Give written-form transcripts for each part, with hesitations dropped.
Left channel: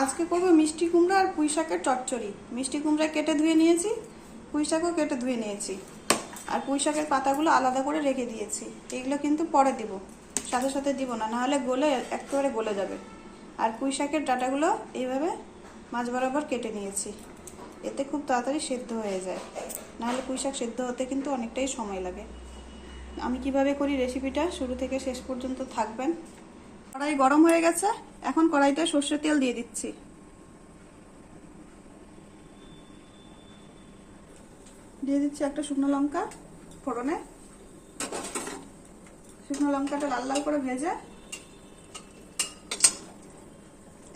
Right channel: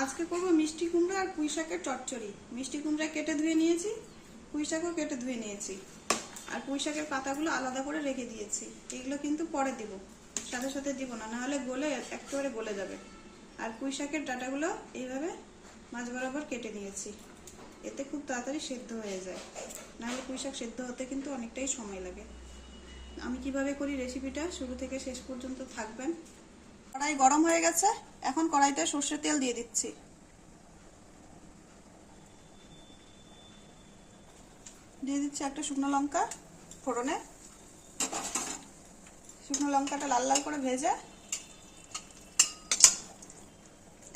আজকে করবো মিষ্টি কুমড়া আর পুঁই শাকের চচ্চড়ি। মিষ্টি কুমড়া কেটে ধুয়ে নিয়েছি, পুঁই শাকও কেটে ধুয়ে নিয়েছি, আর পুঁই শাকের পাতাগুলো আলাদা করে রেখে দিয়েছি। এগুলো কিন্তু পরে দিব, সাথে সাথে দিব না, নাহলে গলে একেবারে গলে যাবে। আর পুঁই শাকের ডাঁটাগুলো এইভাবে মাঝ বরাবর কেটে নিয়েছি, এতে খুব তাড়াতাড়ি সেদ্ধ হয়ে যায়, নাহলে পুঁই শাক সেদ্ধ হতে কিন্তু অনেকটাই সময় লাগে। আমি কিভাবে করি রেসিপিটা শুরু থেকে শেষ পর্যন্ত থাকবেন। কড়াই গরম হয়ে গেছে, এখন কড়াইতে সর্ষের তেল দিয়ে দিচ্ছি। দিয়ে দিচ্ছি একটা শুকনো লঙ্কা ফোড়নে। শুকনো লঙ্কাটা লাল লাল করে ভেজে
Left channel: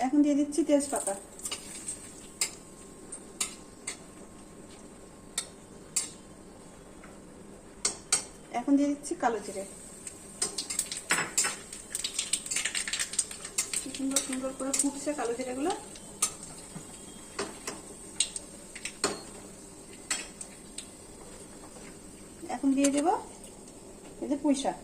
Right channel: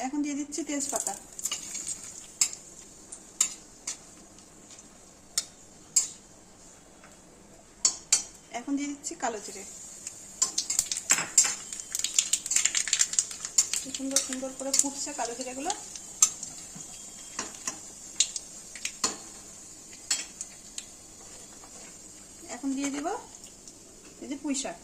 এখন দিয়ে দিচ্ছি তেজপাতা। এখন দিয়ে দিচ্ছি কালো জিরে। সুন্দর সুন্দর করে ফুটছে কালো জিরেগুলো। এখন দিয়ে দেব এই যে পুঁই শাক।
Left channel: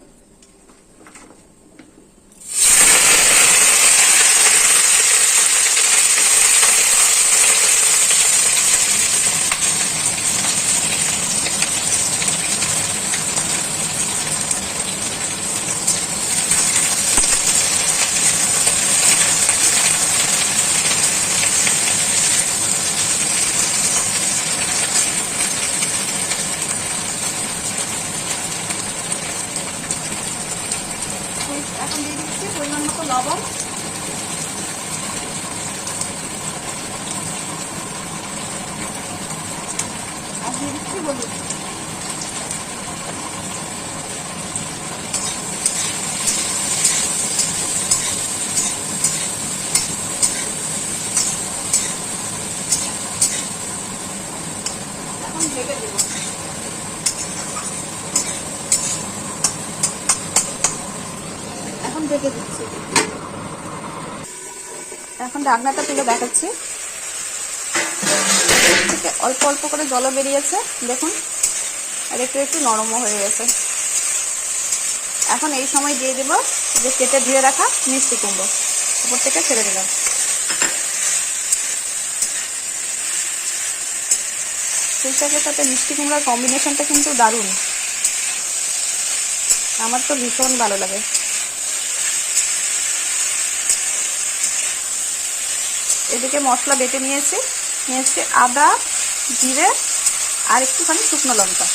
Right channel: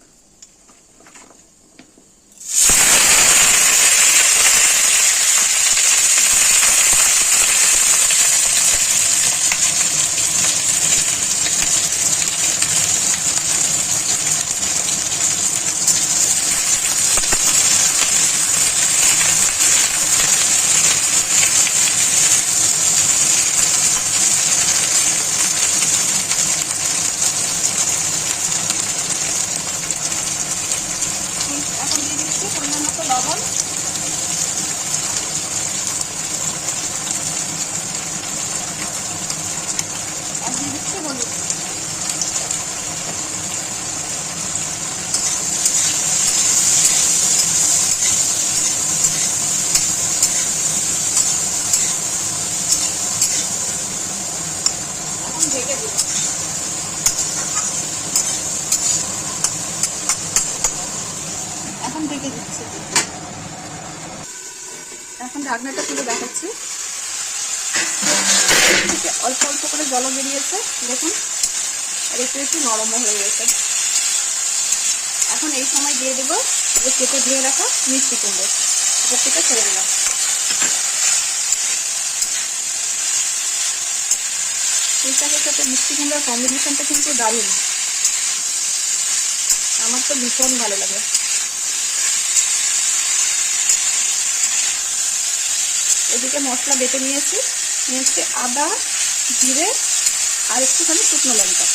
এখন দিয়ে দিচ্ছি পরিমাণ মতো লবণ, আর দিয়ে দিচ্ছি হলুদ। এখন ঢেকে দেব। এখন ঢেকে দিচ্ছি। এখন ঢাকনাটা তুলে দেখাচ্ছি, থেকে অল্প অল্প করে জল বেরিয়েছে দেখুন, আর একটু একটু নরমও হয়ে গেছে। এখন এই সময় দিয়ে দেব যে কেটে ধুয়ে রাখা মিষ্টি কুমড়ো, উপর থেকে ছেড়ে দিলাম। পুঁই শাকের সাথে মিষ্টি কুমড়ার কম্বিনেশনটা কিন্তু দারুণ, আমার তো ভীষণ ভালো লাগে। এদিকে মশলা বেটে নিয়েছি আদা, জিরে আর একটুখানি শুকনো লঙ্কা।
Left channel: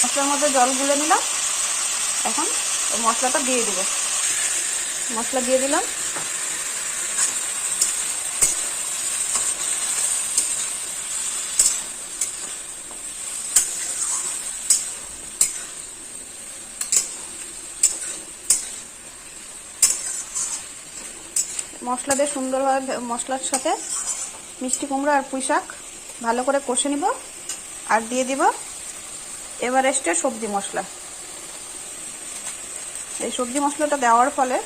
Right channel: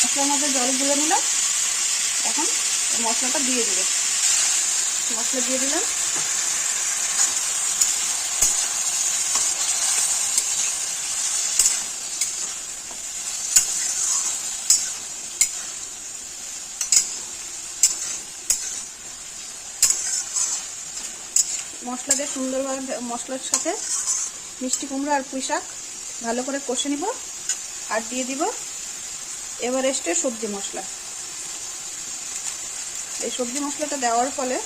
মশলার মধ্যে জল গুলে নিলাম, এখন মশলাটা দিয়ে দিব। মশলা দিয়ে দিলাম, মশলা দিয়ে সুন্দরভাবে মশলার সাথে মিষ্টি কুমড়া আর পুঁই শাক ভালো করে কষে নিব। আর দিয়ে দিব এভারেস্টের সবজি মশলা। এই সবজি মশলাটা দেওয়ার ফলে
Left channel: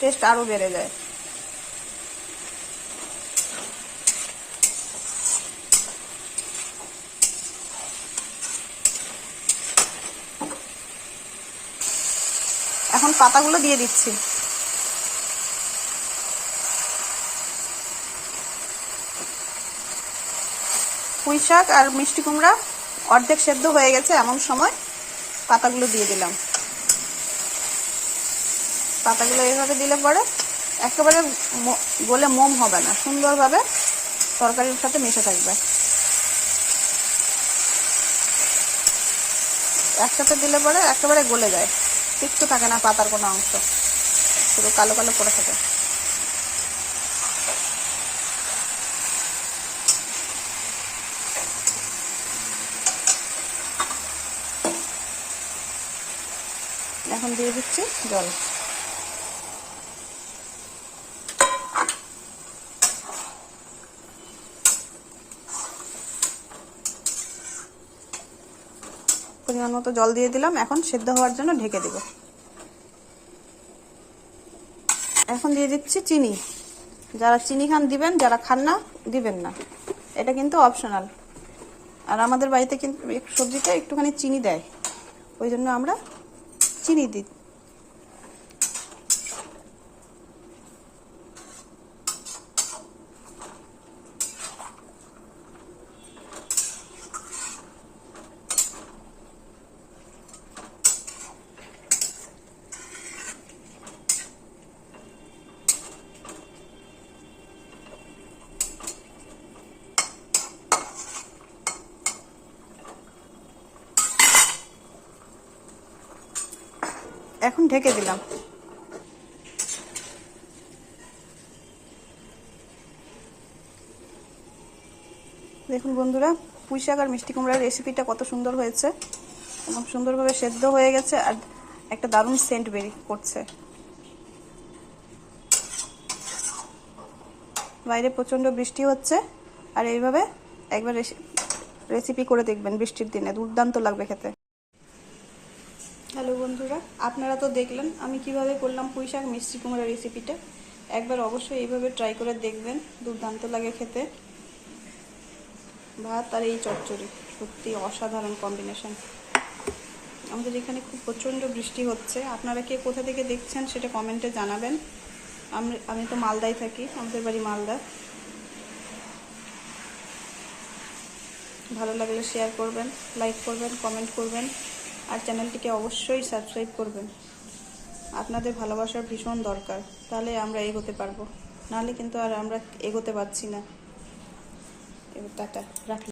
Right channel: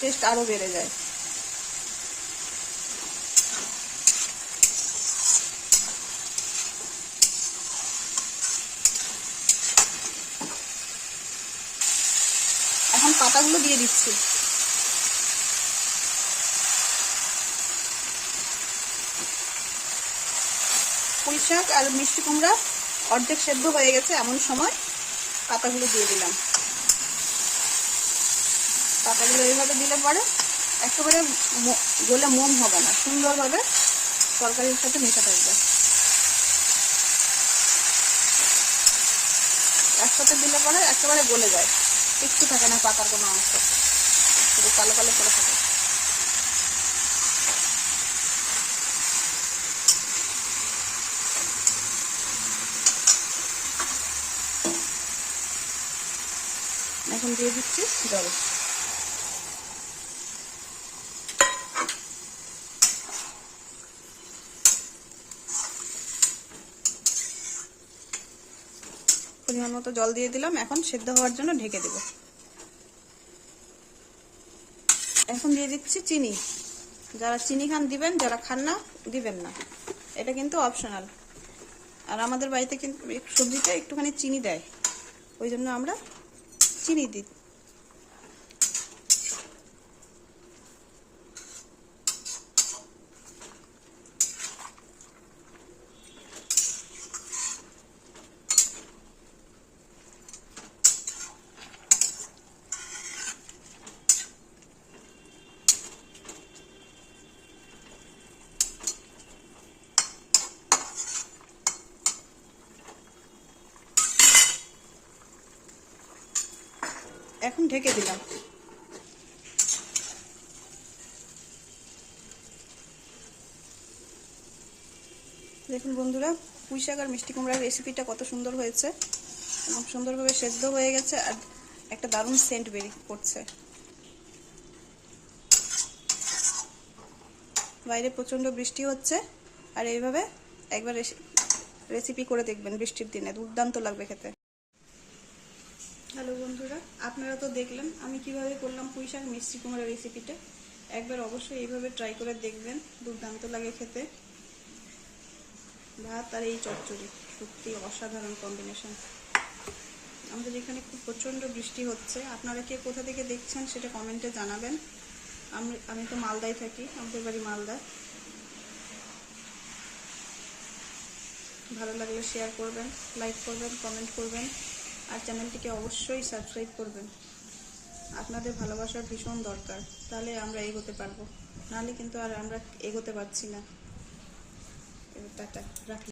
টেস্ট আরও বেড়ে যায়। এখন পাতাগুলো দিয়ে দিচ্ছি। পুঁই শাক আর মিষ্টি কুমড়া অর্ধেক সেদ্ধ হয়ে গেছে, এমন সময় পাতাগুলো দিয়ে দিলাম। পাতাগুলো এইভাবে দিলে পরে একেবারে গলে মোম হবে না, সুন্দরভাবে তরকারির সাথে মিশে থাকবে। একসাথে দিলে পরে একেবারে গলে যায়, কিচ্ছু থাকে না পাতার কোনো অংশ, পুরো কালো কালো পড়ে থাকে। এখন দিয়ে দিচ্ছি জল। পরিমাণ মতো জল দিয়ে দিলাম, এখন সেদ্ধ হওয়ার জন্য ঢেকে দেব। এখন দিয়ে দিচ্ছি চিনি। যারা চিনি খান দিবেন, যারা খান না দিবেন না, এটা কিন্তু অপশনাল। আর আমাদের বাড়িতে কিন্তু সবজিতে একটুখানি চিনি দেয়, ওই জন্য আমরা চিনি দিই। এখন ঢেকে দিলাম। দেখুন বন্ধুরা, পুঁই শাক আর মিষ্টি কুমড়ার রেসিপিটা কত সুন্দর হয়েছে এবং সুন্দরভাবে সেদ্ধ হয়ে গেছে আর একটা দারুণ সেন্ট বেরিয়ে করছে। বাইরে প্রচণ্ড বৃষ্টি হচ্ছে, আর এইভাবে একবার রেসিপি করে দেখবেন বৃষ্টির দিনে, দুর্দান্ত লাগবে খেতে। হ্যালো বন্ধুরা, আপনারা তো দেখলেন আমি কিভাবে করলাম পুঁই শাক মিষ্টি কুমড়ার রেসিপিটা। একবার অবশ্যই এইভাবে ট্রাই করে দেখবেন, দুর্দান্ত লাগে খেতে। ভাত আর এই চচ্চড়ি সত্যি অসাধারণ কম্বিনেশন। আমাদের এখানে খুব প্রচণ্ড বৃষ্টি হচ্ছে, আপনারা কে কোথা থেকে দেখছেন সেটা কমেন্টে জানাবেন। আমি তো মালদায় থাকি, আমাদের বাড়ি মালদা। ভালো লাগলে শেয়ার করবেন, লাইক করবেন, কমেন্ট করবেন, আর চ্যানেলটিকে অবশ্যই সাবস্ক্রাইব করবেন। আপনাদের ভালোবাসার ভীষণ দরকার, তাহলে আমরা এগোতে পারবো, নাহলে কিন্তু আর আমরা এগোতে পারছি না। এবার টাটা রাখি।